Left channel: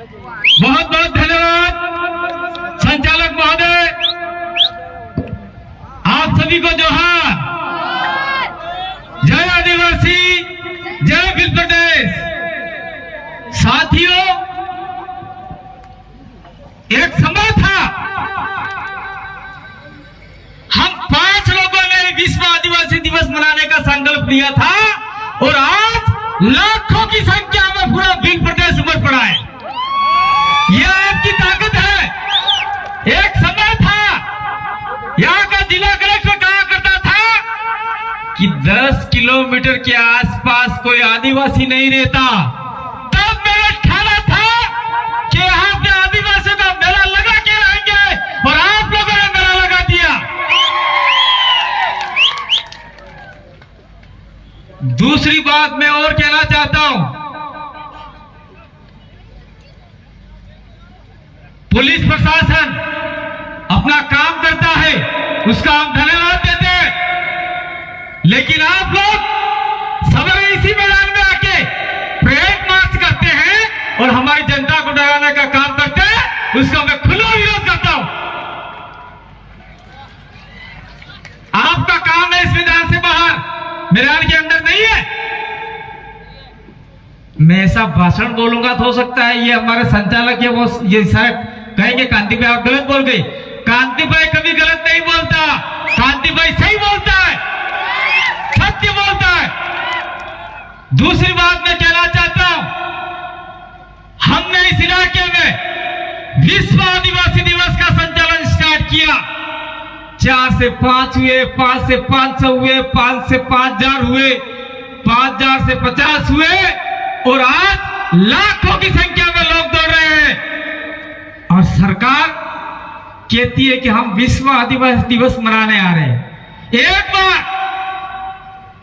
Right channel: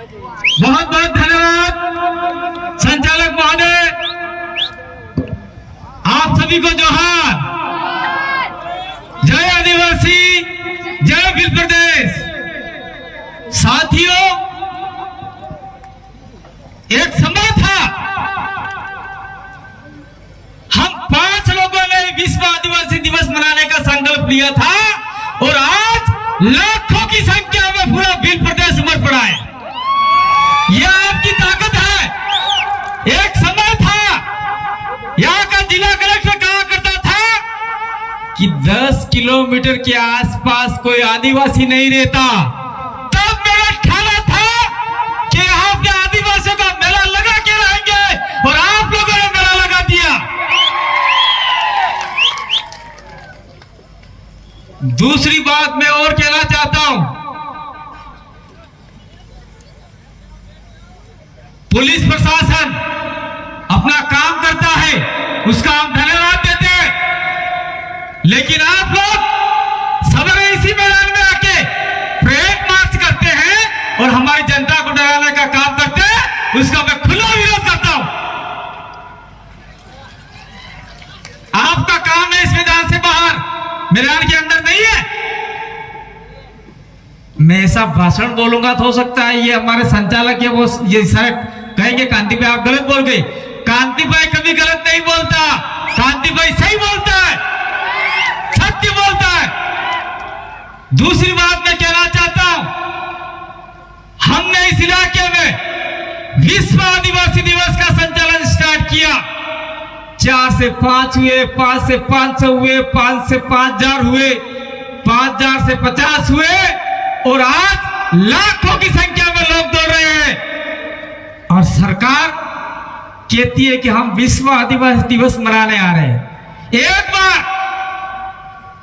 बहुत बहुत धन्यवाद संचालक महोदय, आप सभी को जोहार। जय आदिवासी, जय भील प्रदेश। साथियों, एक समय था हम 5 लोगों ने विश्व आदिवासी दिवस मनाने का संकल्प लिया था और आज लाखों की संख्या में पूरा भील प्रदेश उमड़ पड़ा है। यह आपकी ताकत है। एक समय था यहाँ का जिला कलेक्टर कहा करता था कि 10 किलोमीटर के आसपास कोई आदिवासी नहीं रहता। तब मेरा ठाना था कि यहाँ पे आदिवासियों का मेला लगा के रहेंगे और आप लोगों ने मेला लगा दिया। दूसरी बात मैं और कहना चाहता हूं, पुलिस प्रशासन अपना काम करता है, उसका हम धन्यवाद देते हैं, लेकिन आप लोग सदर इसी मैदान में आके परेड मार्च करते हैं और हमारी जनता को डराने का काम करते हैं, उसका मैं खुला विरोध करता हूं। आपका काम है इस मैदान से बाहर, मैदान के अंदर नहीं है। मैं ऐसा भाषण बोलूंगा तो हो सकता है ये हमारे संचालक है वो ये शायद कहेंगे कांति भाई आप गलत बोल गए। कांति भाई कभी गलत नहीं बोलता, कांति भाई सही बोलता है, सत्य बोलता है। दूसरी बात मैं कहना चाहता हूं, हमने इस इलाके में विश्व आदिवासी दिवस का संचालन स्टार्ट किया। 4 से 5 हुए, 5 से 500 हुए, 5 से 5000 हुए, 5000 से 50 हुए और आज लाखों की संख्या में लोग दौड़ रहे हैं। और सरकार कहती है कि हम विश्व आदिवासी दिवस मनाने आ रहे हैं। एक बार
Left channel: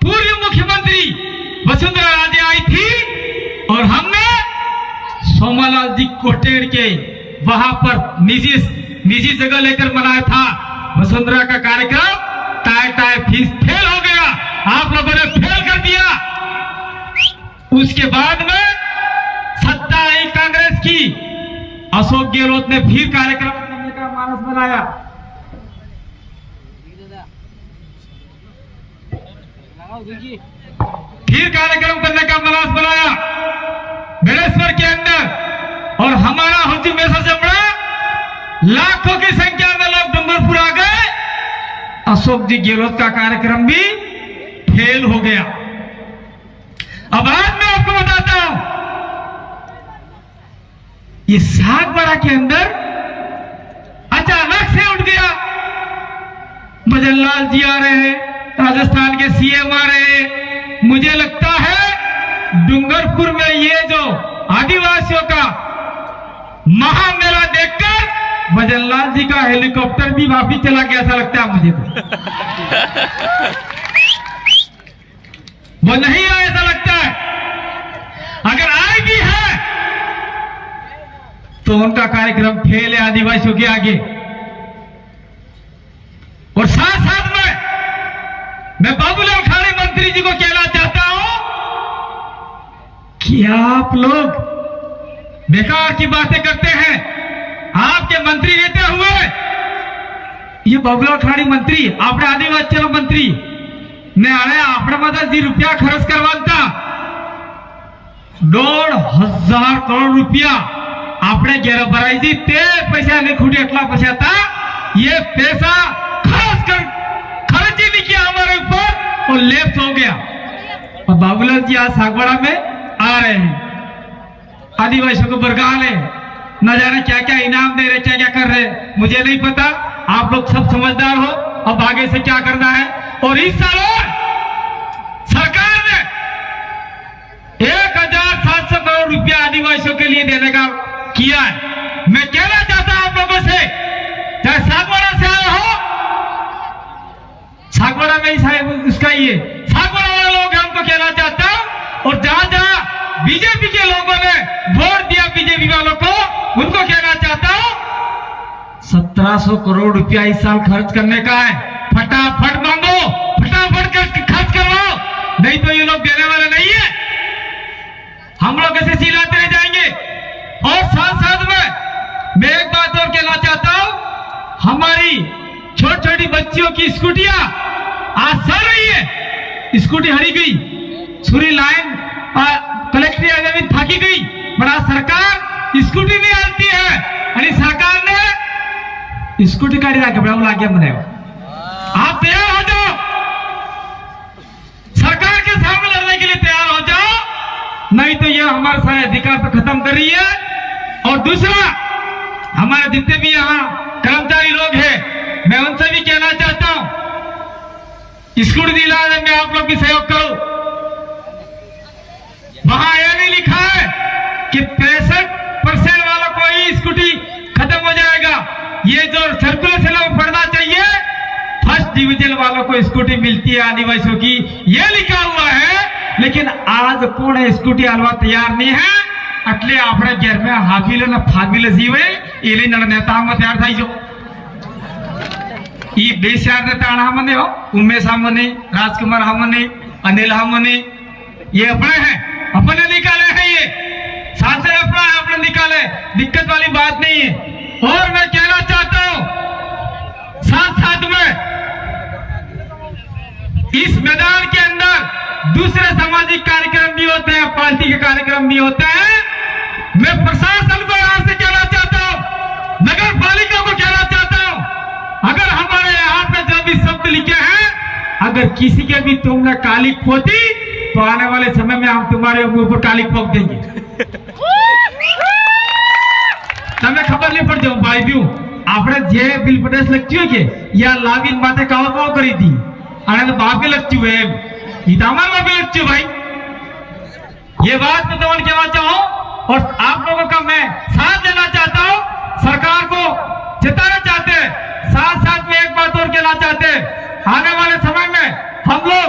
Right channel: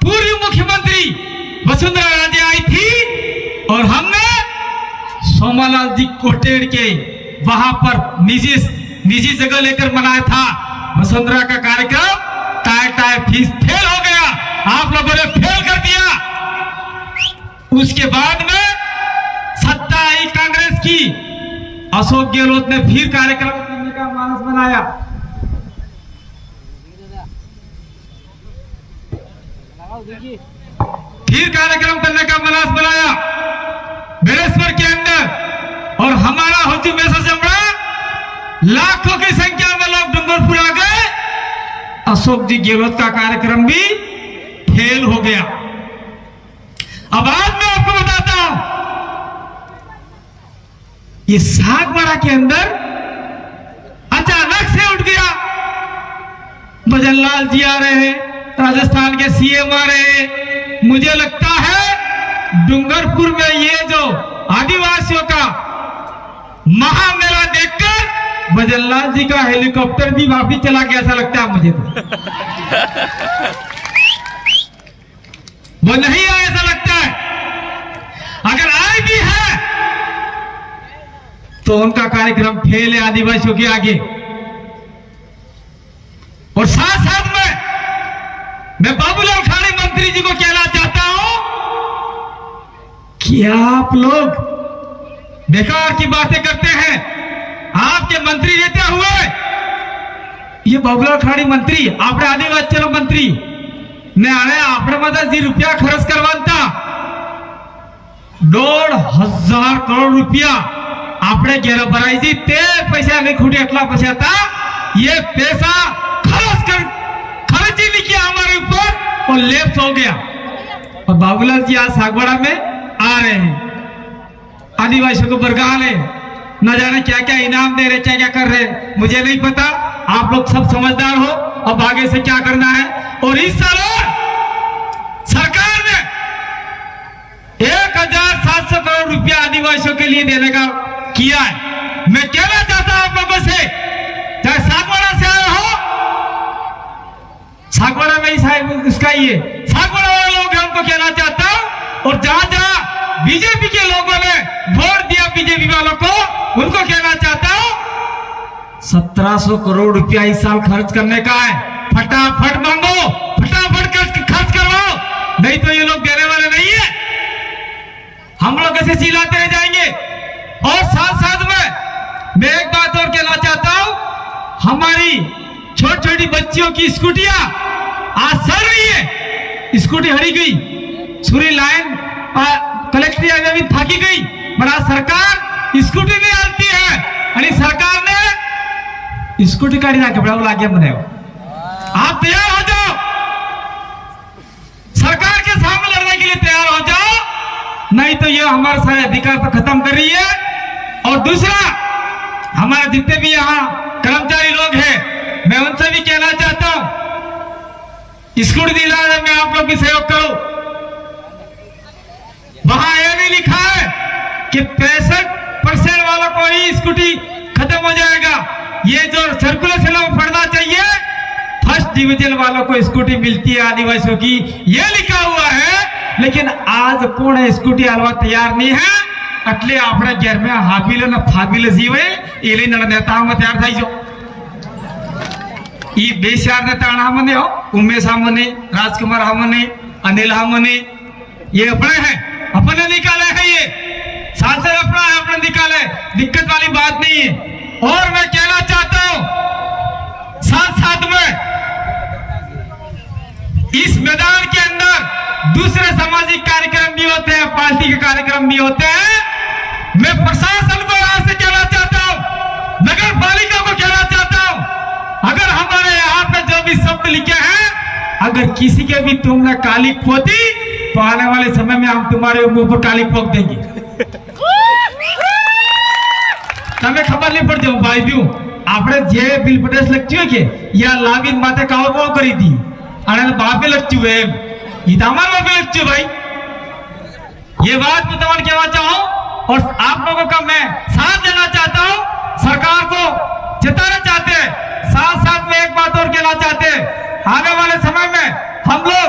पूर्व मुख्यमंत्री वसुंधरा राजे आई थी और हमने सोमालाल जी कोटेड़ के वहां पर निजी जगह लेकर मनाया था। वसुंधरा का कार्यक्रम टाय फेल हो गया, आप लोगों ने फेल कर दिया। उसके बाद में सत्ता आई कांग्रेस की, अशोक गहलोत ने फिर कार्यक्रम करने का मानस बनाया। फिर कार्यक्रम करने का मानस बनाया बेलेश्वर के अंदर और हमारा हुजूम में सबसे बड़ा लाखों की संख्या में लोग डूंगरपुर आ गए। अशोक जी गहलोत का कार्यक्रम भी फेल हो गया। अब आज मैं आपको बताता हूं, ये सागवाड़ा के अंदर अचानक से उठ गया। भजनलाल जी आ रहे हैं, राजस्थान के सीएम आ रहे हैं। मुझे लगता है डूंगरपुर में ये जो आदिवासियों का महामेला देखकर भजनलाल जी का हेलीकॉप्टर भी वापिस चला गया, ऐसा लगता है मुझे तो। वो नहीं आया ऐसा लगता है। अगर आए भी है तो उनका कार्यक्रम फेल है आदिवासियों के आगे। और साथ साथ में मैं बाबूलाल खाड़ी मंत्री जी को कहना चाहता हूं कि आप लोग बेकार की बातें करते हैं। आपके मंत्री रहते हुए ये बाबूलाल खाड़ी मंत्री आपने आदिवासी मंत्री ने आने आपने मतलब जी रुपया खर्च करवाता 1,500 करोड़ रुपया आपने घेरा भराई थी। ते पैसा नहीं खुटे एटला पैसा था, ये पैसा खर्च ही नहीं किया हमारे ऊपर और लेफ्ट हो गया। और बाबूलाल जी आज सागवाड़ा में आ रहे हैं, आदिवासियों को बरगा ले, न जाने क्या क्या इनाम दे रहे, क्या क्या कर रहे, मुझे नहीं पता। आप लोग सब समझदार हो, अब आगे से क्या करना है। और इस साल सरकार ने 1,700 करोड़ रुपया आदिवासियों के लिए देने का किया है। मैं कहना चाहता हूं आप लोगों से, चाहे सागवाड़ा से आए हो, सागवाड़ा में ही साहब उसका ही है, सागवाड़ा वाले लोग हमको कहना चाहता हूं। और जहां जहां बीजेपी के लोगों ने वोट दिया बीजेपी वालों को, उनको कहना चाहता हूं 1700 करोड़ रुपया इस साल खर्च करने का है। फटाफट मांगो, फटाफट खर्च करवाओ, नहीं तो ये लोग देने वाले नहीं है। हम लोग ऐसे चिल्लाते रह जाएंगे। और साथ मैं एक बात और कहना चाहता हूं, हमारी छोटी छोटी बच्चियों की स्कूटियां आज सड़ रही है। स्कूटी हरी गई, छुरी लाइन कलेक्ट्री में थकी गई, बड़ा सरकार स्कूटी नहीं आती है। अरे सरकार ने स्कूटी गाड़ी लाके बड़ा लागे मने, आप तैयार हो जाओ, सरकार के सामने लड़ने के लिए तैयार हो जाओ, नहीं तो यह हमारा सारे अधिकार तो खत्म कर रही है। और दूसरा, हमारे जितने भी यहाँ कर्मचारी लोग हैं, मैं उनसे भी कहना चाहता हूं, स्कूटी दिलाने में आप लोग भी सहयोग करो। वहां यह नहीं लिखा है कि 65% वालों को ही स्कूटी खत्म हो जाएगा। ये जो सर्कुलेशन है वो पढ़ना चाहिए, फर्स्ट डिवीजन वालों को स्कूटी मिलती है आदिवासियों की, ये लिखा हुआ है। लेकिन आज कौन है स्कूटी हलवा तैयार नहीं है, એટલે આપણે ઘેર में હાબીલ ને ફાબીલ જીવે એ લઈને નેતામાં તૈયાર થઈ જો। ಈ ಬೇಸಾರ नेता हमने हो, उमेश हमने, राजकुमार हमने, अनिल हमने, ये अपने हैं, अपने निकाले हैं, ये सांसद अपना है, अपने निकाले, दिक्कत वाली बात नहीं है। और मैं कहना चाहता हूं साथ साथ में इस मैदान के अंदर दूसरे सामाजिक कार्यक्रम भी होते हैं, पार्टी के कार्यक्रम भी होते हैं। मैं प्रशासन को यहाँ से कहना चाहता हूँ, नगर पालिका को कहना चाहता हूँ, अगर हमारे यहाँ पे जो भी शब्द लिखे हैं, अगर किसी के भी तुमने काली पोती तो आने वाले समय में हम तुम्हारे ऊपर काली पोत देंगे। तमें खबर नहीं पड़ जाऊं भाई दू આપણે જે બિલ પટેલ લખ્યું કે યા લાવીન માથે કાવો કોણ કરી દી અને બાપે લખ્યું है ये तमाम बापे लख्યું भाई। ये बात मैं तुम्हें कहना चाहूं और आप लोगों का मैं साथ देना चाहता हूं, सरकार को जिताना चाहते हैं। साथ साथ में एक बात और कहना चाहते हैं, आने वाले समय में हम लोग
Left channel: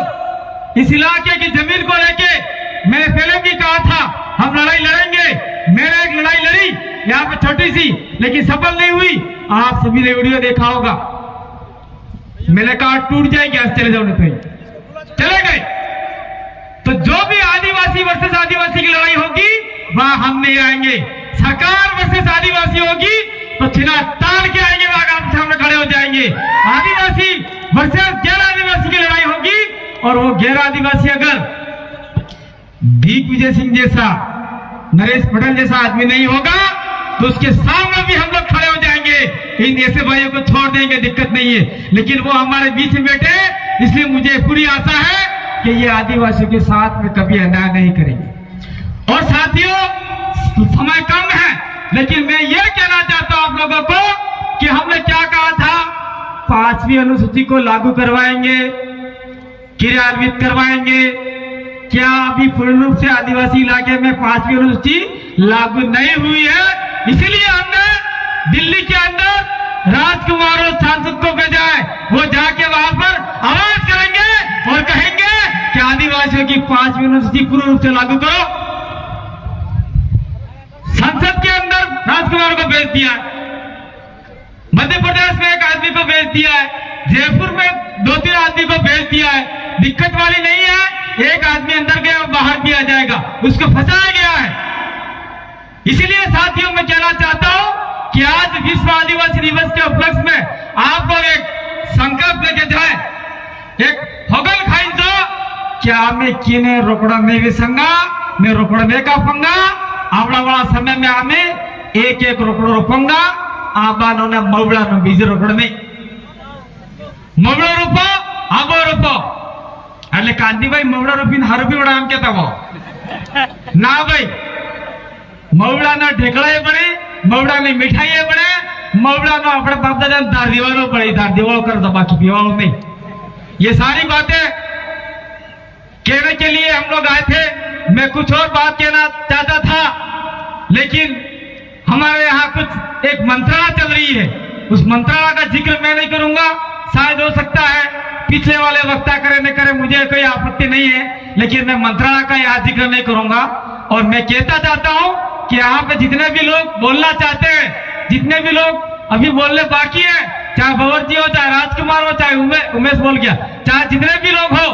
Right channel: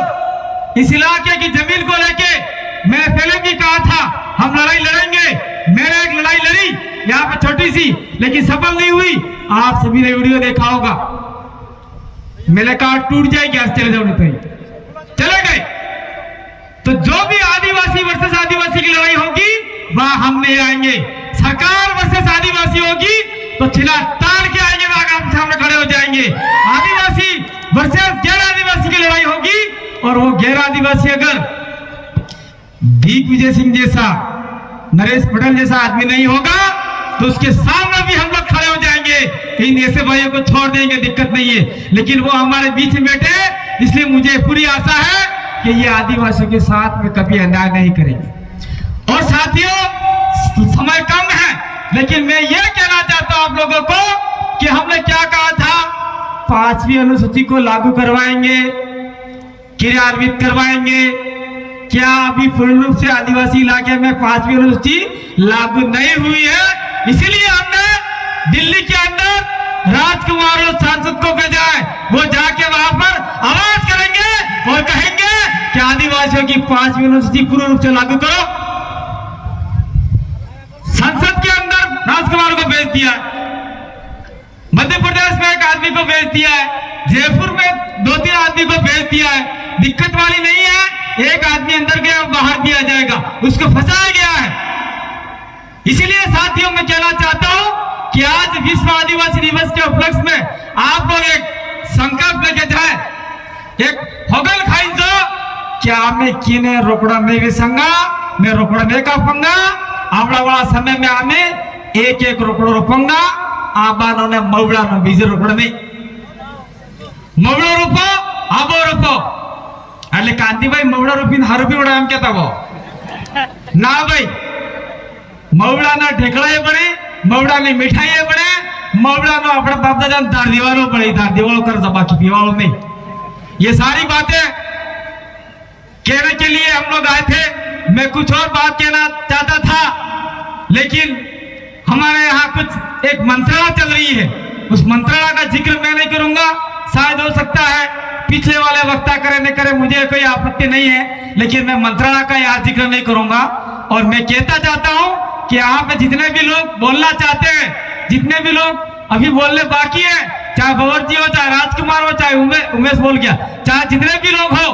इस इलाके की जमीन को लेके मैं पहले भी कहा था हम लड़ाई लड़ेंगे। मैंने एक लड़ाई लड़ी यहाँ पे छोटी सी, लेकिन सफल नहीं हुई। आप सभी ने वीडियो देखा होगा, मेरे कार्ड टूट जाएगी, आज चले जाओ नहीं तो चले गए। तो जो भी आदिवासी वर्सेस आदिवासी की लड़ाई होगी वहां हम नहीं आएंगे। सरकार वर्सेस आदिवासी होगी तो छिला तान के आएंगे, वहां आप सामने खड़े हो जाएंगे। आदिवासी वर्सेस गैर आदिवासी की लड़ाई होगी और वो गैर आदिवासी अगर दिग्विजय सिंह जैसा, नरेश पटेल जैसा आदमी नहीं होगा तो उसके सामने भी हम लोग खड़े हो जाएंगे। इन ऐसे भाइयों को छोड़ देंगे, दिक्कत नहीं है, लेकिन वो हमारे बीच में बैठे, इसलिए मुझे पूरी आशा है कि ये आदिवासियों के साथ में कभी अन्याय नहीं करेंगे। और साथियों, समय कम है, लेकिन मैं ये कहना चाहता हूं आप लोगों को कि हमने क्या कहा था, 5वीं अनुसूची को लागू करवाएंगे, क्रियान्वित करवाएंगे। क्या अभी पूर्ण रूप से आदिवासी इलाके में 5वीं अनुसूची लागू नहीं हुई है, इसलिए हमने दिल्ली के अंदर राजकुमार और सांसद को भेजा है। वो जाके वहां पर आवाज करेंगे और कहेंगे कि आदिवासियों की 5वीं अनुसूची पूर्ण रूप से लागू करो। संसद के अंदर राजकुमार को भेज दिया है, मध्य प्रदेश में एक आदमी को भेज दिया है, जयपुर में 2-3 आदमी को भेज दिया है। दिक्कत वाली नहीं है, एक आदमी अंदर गया बाहर दिया जाएगा, उसको फंसाया गया है। इसीलिए साथियों मैं कहना चाहता हूं कि आज विश्व आदिवासी दिवस के उपलक्ष्य में आप लोग एक संकल्प लेके जाए, एक होगल खाई जो क्या मैं किने रोकड़ा नहीं विसंगा, मैं रोकड़ा नहीं कापूंगा। आवड़ा वाला समय में हमें एक रोकड़ो रोपूंगा, आबानो ने मवड़ा नो बीजे रोकड़ा नहीं, मवड़ा रोपो आबो रोपो। એટલે કાંતિભાઈ મવડા રૂપીને હારું પીવડા એમ કહેતા હો ના ભાઈ, મવડાના ઢેકળાએ પડે, મવડાની મીઠાઈએ પડે, મવડાનો આપણે બાપ દાદા ધાર દીવાનો પડે, ધાર દીવાળો कर बाकी पीवाड़ो नहीं। ये सारी बातें कहने के लिए हम लोग आए थे। मैं कुछ और बात कहना चाहता था, लेकिन हमारे यहाँ कुछ एक मंत्रणा चल रही है, उस मंत्रणा का जिक्र मैं नहीं करूंगा। शायद हो सकता है पिछले वाले वक्ता करे न करे, मुझे कोई आपत्ति नहीं है, लेकिन मैं मंत्रणा का यहाँ जिक्र नहीं करूंगा। और मैं कहता चाहता हूँ कि यहाँ पे जितने भी लोग बोलना चाहते हैं, जितने भी लोग अभी बोलने बाकी है, चाहे भंवर जी हो, चाहे राजकुमार हो, चाहे उमेश बोल गया, चाहे जितने भी लोग हो,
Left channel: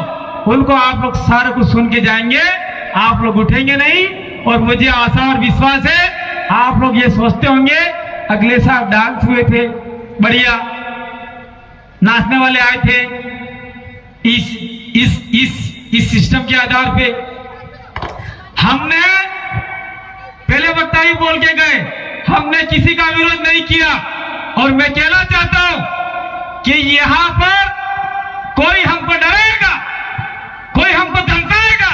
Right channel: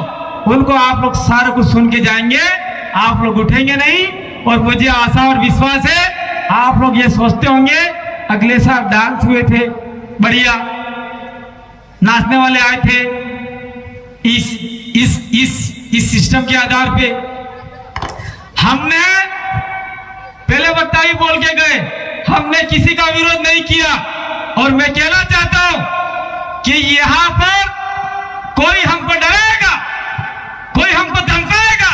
उनको आप लोग सारे कुछ सुन के जाएंगे, आप लोग उठेंगे नहीं। और मुझे आशा और विश्वास है आप लोग ये सोचते होंगे अगले साल डांस हुए थे, बढ़िया नाचने वाले आए थे। इस सिस्टम के आधार पे हमने पहले वक्ता ही बोल के गए, हमने किसी का विरोध नहीं किया। और मैं कहना चाहता हूं कि यहां पर कोई हमको डराएगा, कोई हमको धमकाएगा।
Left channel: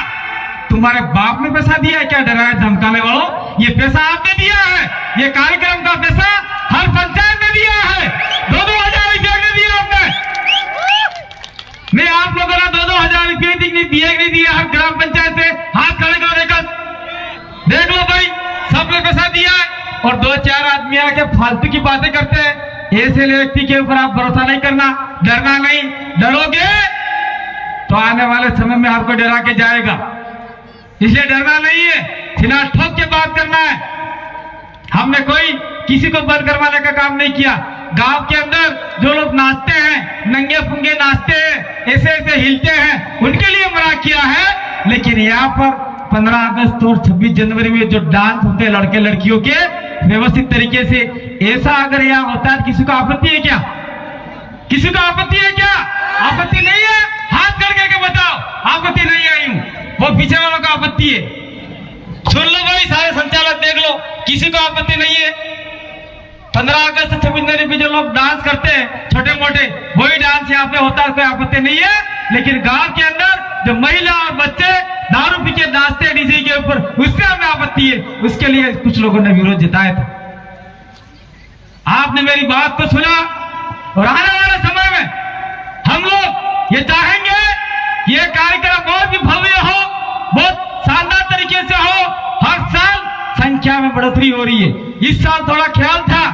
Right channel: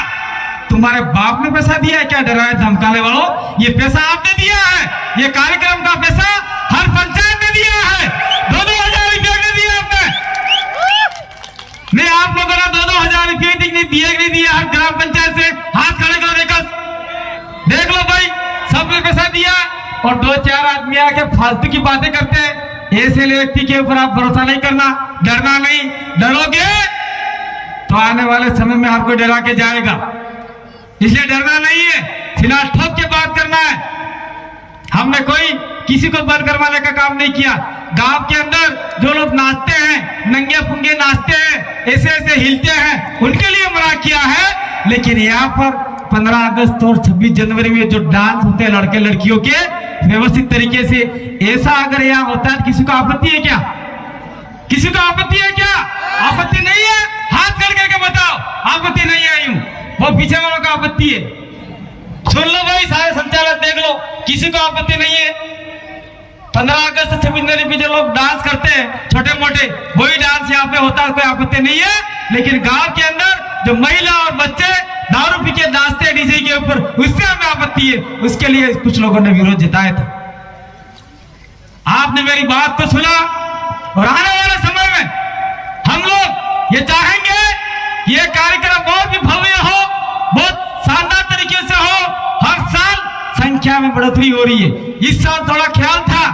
तुम्हारे बाप ने पैसा दिया है क्या डराए धमकाने वालों? ये पैसा आपने दिया है, ये कार्यक्रम का पैसा हर पंचायत ने दिया है, 2-2 हजार रुपया ने दिया आपने। मैं आप लोगों ने 2-2 हजार रुपये नहीं दिए, नहीं दिया। हर ग्राम पंचायत से हाथ खड़े कर देख लो भाई, सब लोग पैसा दिया। और 2-4 आदमी आके फालतू की बातें करते हैं। ऐसे व्यक्ति के ऊपर आप भरोसा नहीं करना, डरना नहीं। डरोगे तो आने वाले समय में आपको डरा के जाएगा, इसलिए डरना नहीं है, सीना ठोक के बात करना है। हमने कोई किसी को बंद करवाने का काम नहीं किया। गांव के अंदर जो लोग नाचते हैं, नंगे पुंगे नाचते हैं, ऐसे ऐसे हिलते हैं, उनके लिए मना किया है। लेकिन यहाँ पर 15 अगस्त और 26 जनवरी में जो डांस होते हैं लड़के लड़कियों के व्यवस्थित तरीके से, ऐसा अगर यहाँ होता है, किसी को आपत्ति है क्या? किसी को आपत्ति है क्या? आपत्ति नहीं है? हाथ करके बताओ, आपत्ति नहीं आई हूं। बहुत पीछे वालों का आपत्ति है, सुन लो भाई, सारे संचालक देख लो, किसी को आपत्ति नहीं है। 15 अगस्त 26 जनवरी पे जो लोग डांस करते हैं छोटे मोटे, वही डांस यहाँ पे होता है, कोई आपत्ति नहीं है। लेकिन गांव के अंदर जो महिला और बच्चे दारू पी के नाचते हैं डीजे के ऊपर, उससे हमें आपत्ति है। उसके लिए कुछ लोगों ने विरोध जताया था। आपने मेरी बात तो सुना, और आने वाले समय में हम लोग ये चाहेंगे ये कार्यक्रम बहुत भी भव्य हो, बहुत शानदार तरीके से हो। हर साल संख्या में बढ़ोतरी हो रही है। इस साल थोड़ा ख्याल था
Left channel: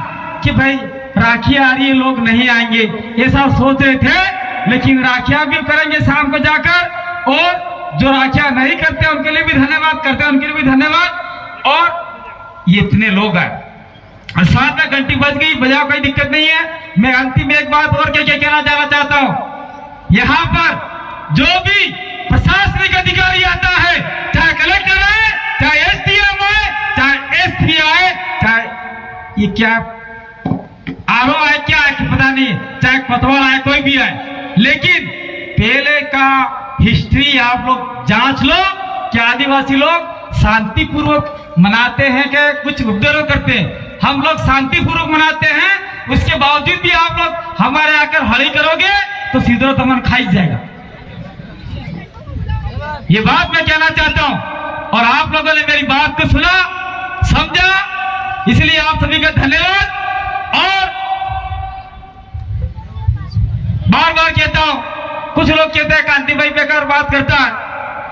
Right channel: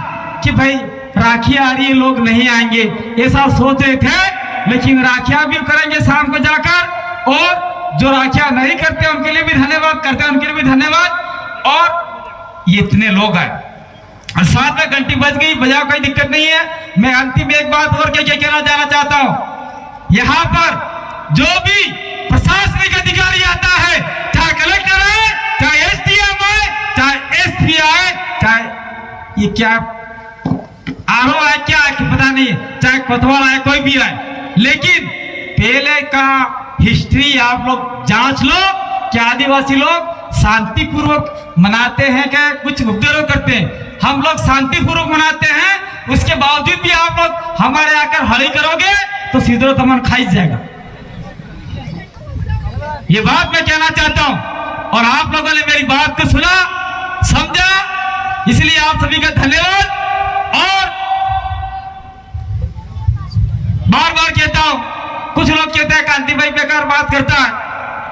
कि भाई राखी आ रही है, लोग नहीं आएंगे, ऐसा सोच रहे थे। लेकिन राखियां भी करेंगे शाम को जाकर, और जो राखियां नहीं करते उनके लिए भी धन्यवाद, करते हैं उनके लिए भी धन्यवाद। और ये इतने लोग हैं, साथ में घंटी बज गई, बजा, कोई दिक्कत नहीं है। मैं अंतिम एक बात और क्या कहना जाना चाहता हूं। यहाँ पर जो भी प्रशासनिक अधिकारी आता है, चाहे कलेक्टर आए, चाहे एसडीएम आए, चाहे एसपी आए, चाहे ये क्या आरओ आए, क्या है कि पता नहीं, चाहे कोतवाल आए, कोई भी आए, लेकिन पहले का हिस्ट्री आप लोग जांच लो कि आदिवासी लोग शांतिपूर्वक मनाते हैं कि कुछ उपद्रव करते हैं। हम लोग शांतिपूर्वक मनाते हैं, उसके बावजूद भी आप लोग हमारे आकर हड़ी करोगे तो सीधो तमन खाई जाएगा। ये बात मैं कहना चाहता हूं, और आप लोगों ने मेरी बात को सुना, समझा, इसलिए आप सभी का धन्यवाद। और बार बार कहता हूं, कुछ लोग कहते हैं कांति भाई बेकार बात करता है,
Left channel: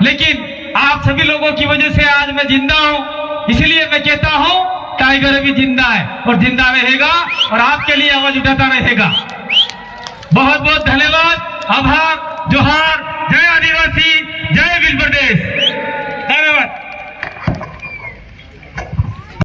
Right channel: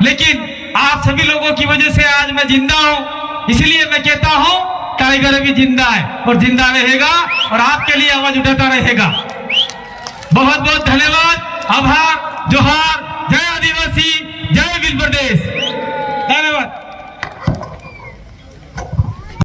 लेकिन आप सभी लोगों की वजह से आज मैं जिंदा हूं। इसलिए मैं कहता हूं टाइगर भी जिंदा है और जिंदा रहेगा, और आपके लिए आवाज उठाता रहेगा। बहुत बहुत धन्यवाद, आभार, जोहार।